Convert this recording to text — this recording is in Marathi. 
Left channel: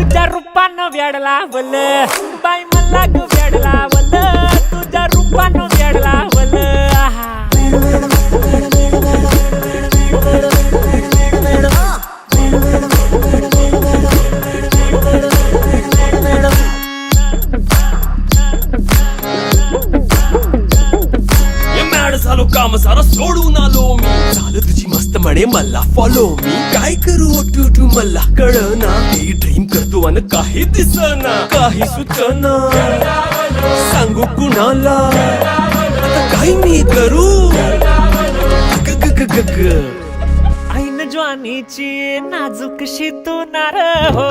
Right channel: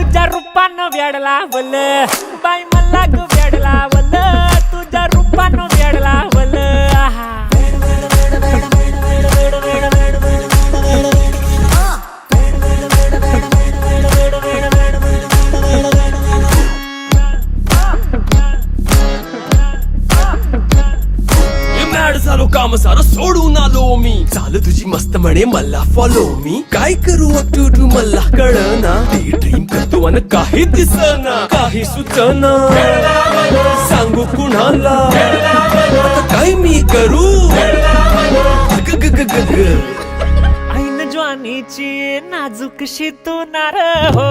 तुझ्या रूपानं वेड लावलं बाई मला ग वेड लावलं तुझ्या रूपानं वेड लावलं झालो काम सारा सोडून आलो मी झालं तुझी मस्त म्हणे मला फॉलो मी काय करू टू मला कळना ती ड्रीम करतो आणि काही दिसना काही सुचना सांगू कुणाला आता काय मी करू ऐन ज्वानीची नाजूक शी तू नार हो